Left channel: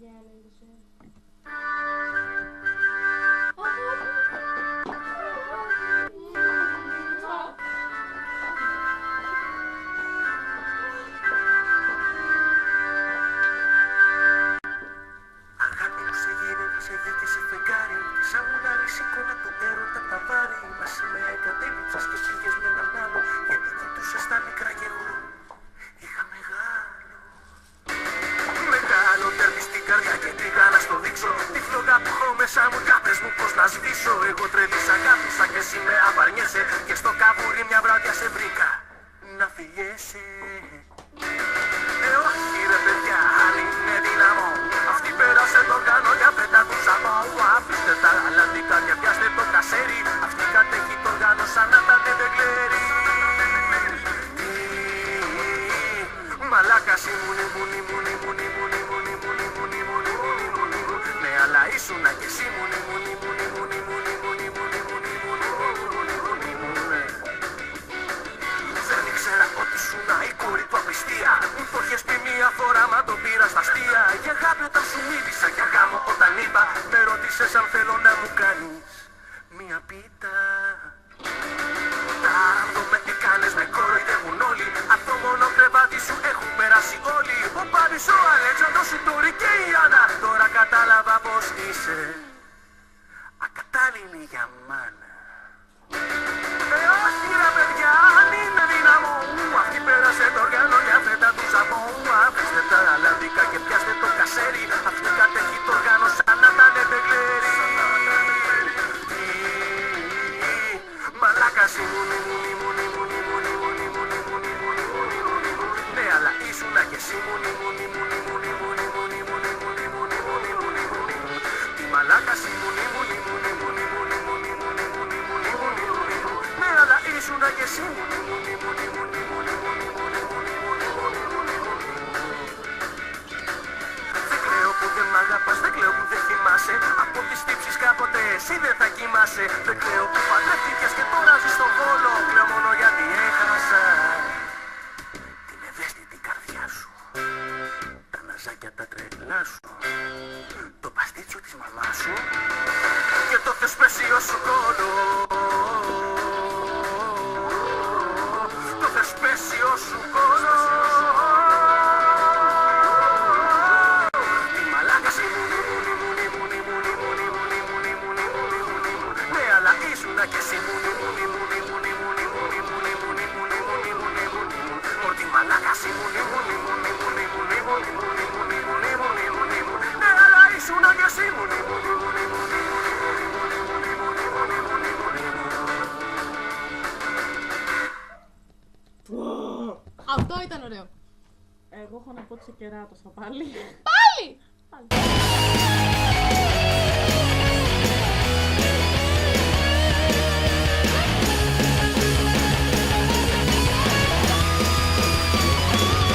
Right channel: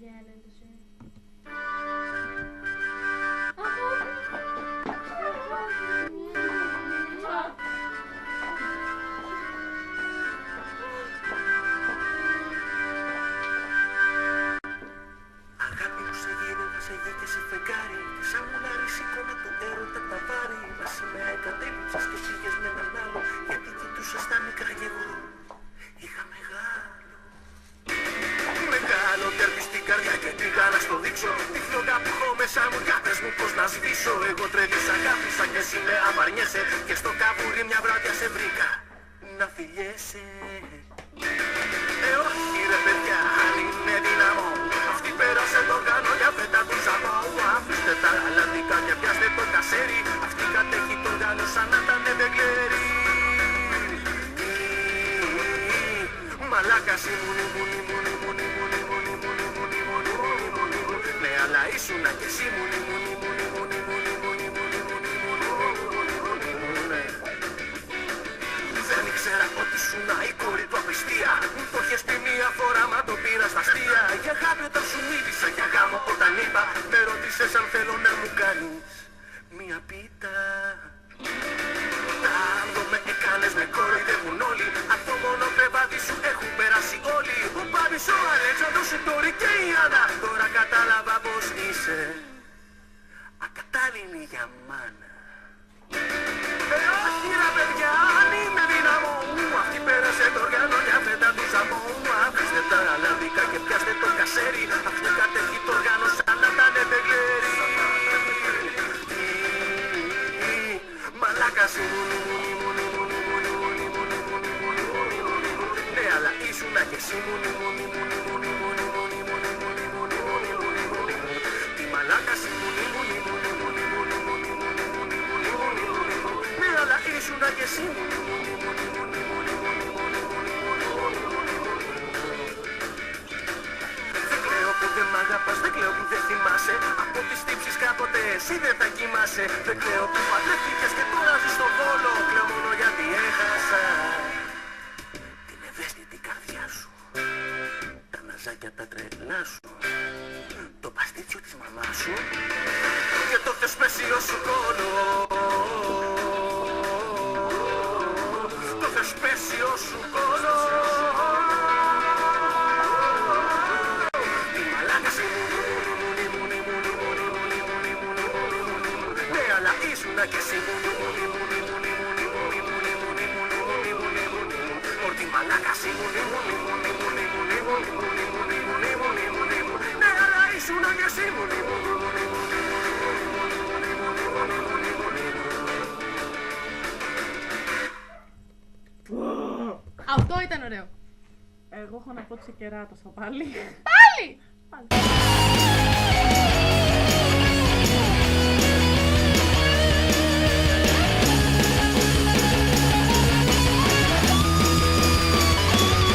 Για ένα εντός. Αγάπη μου σε γύρευε, σε γη και σε φεγγάρι. Σαν μουλάρι σήκωνα το έρωτα τα βάρη. Μαζί με εγκατέλειψες και πήγες με έναν άλλο. Γιατί κοιτούσες τα μικρά κι εγώ είχα μεγάλο. Μεγάλο τέρπι στην καρδιά και πήγα να στο δείξω. Τη φλόγα που έχω μέσα μου κι πες μου πως να σβήσω. Εγώ τρελής αγάπησα και εσύ με απαρνιέσαι. Και στο καβούρι μια βράδια σε βρήκα να φιλιέσαι. Όχι ρε παιδιά, αν είναι δυναμό. Αυτή πέρασε τον κανόνια, πέτα του ζαμό. Αφήστε τα αλλαντικά και πιάστε το κασέρι. Αυτή κατέχει το οργάνο σαν να ήταν ντεγκλέρι. Μαλάκας ήμουν, ναι αλλά ήσουνα κι εσύ Δεν ήξερα ότι ήσουνα η κόρη του απιστία. Μου το είχες πει μία φορά μα το πήρα στα αστεία. Για αγάπη όταν σου μίλησα, για γάμο όταν είπα. Με ρώτησες αν θέλω να μου κάνεις μία πίτα. Τάραντο με έκανες, με κοροϊδεύουν όλοι. Από το μόνο κρεβάτι σου έχουν περάσει όλοι. Ο Πάνης, ο Αλέξανδρος, η Τόρη και η Άννα. Τώρα κατάλαβα πως είσαι ακατάλληλη για μάνα. Όχι ρε παιδιά, αν είναι δύναμο. Αυτή πέρασε το οργάνο, μια φέτα του ζαμό. Αφήστε τα αλλαντικά και πιάστε το κασέρι. Αυτή κατέχει το οργάνο σαν να ήταν ντεγκλέρι. Μαλάκας ήμουν, ναι αλλά ήσουνα κι εσύ Τι μαλάκας ήμουν, ναι αλλά ήσουνα κι εσύ Δεν κλαίω που δεν μ' αγαπάς, δεν κλαίω που δεν θυμάσαι. Από τις τύψεις κάποτε εσύ δεν θα κοιμάσαι. Δεν κλαίω που παντρεύτηκες και τώρα ζεις στον Βόλο. Κλαίω μόνο γιατί έχασα την ευαίσθητη καρδιά σου. Τα ναζάκια τα τρελά σου. Το παστίτσιο της μαμάς σου. Και το θεσπέσιο σου κόλο. Το θεσπέσιο σου κόλο. Τι μαλάκας ήμουν. Ναι αλλά ήσουνα κι εσύ Ορτι μαλάκας ήμουν. Ναι αλλά ήσουνα κι εσύ Αυτό ήταν ωραίο. Εγώ έχω να πω τσεκεράτος θα πάλι. Πάλι!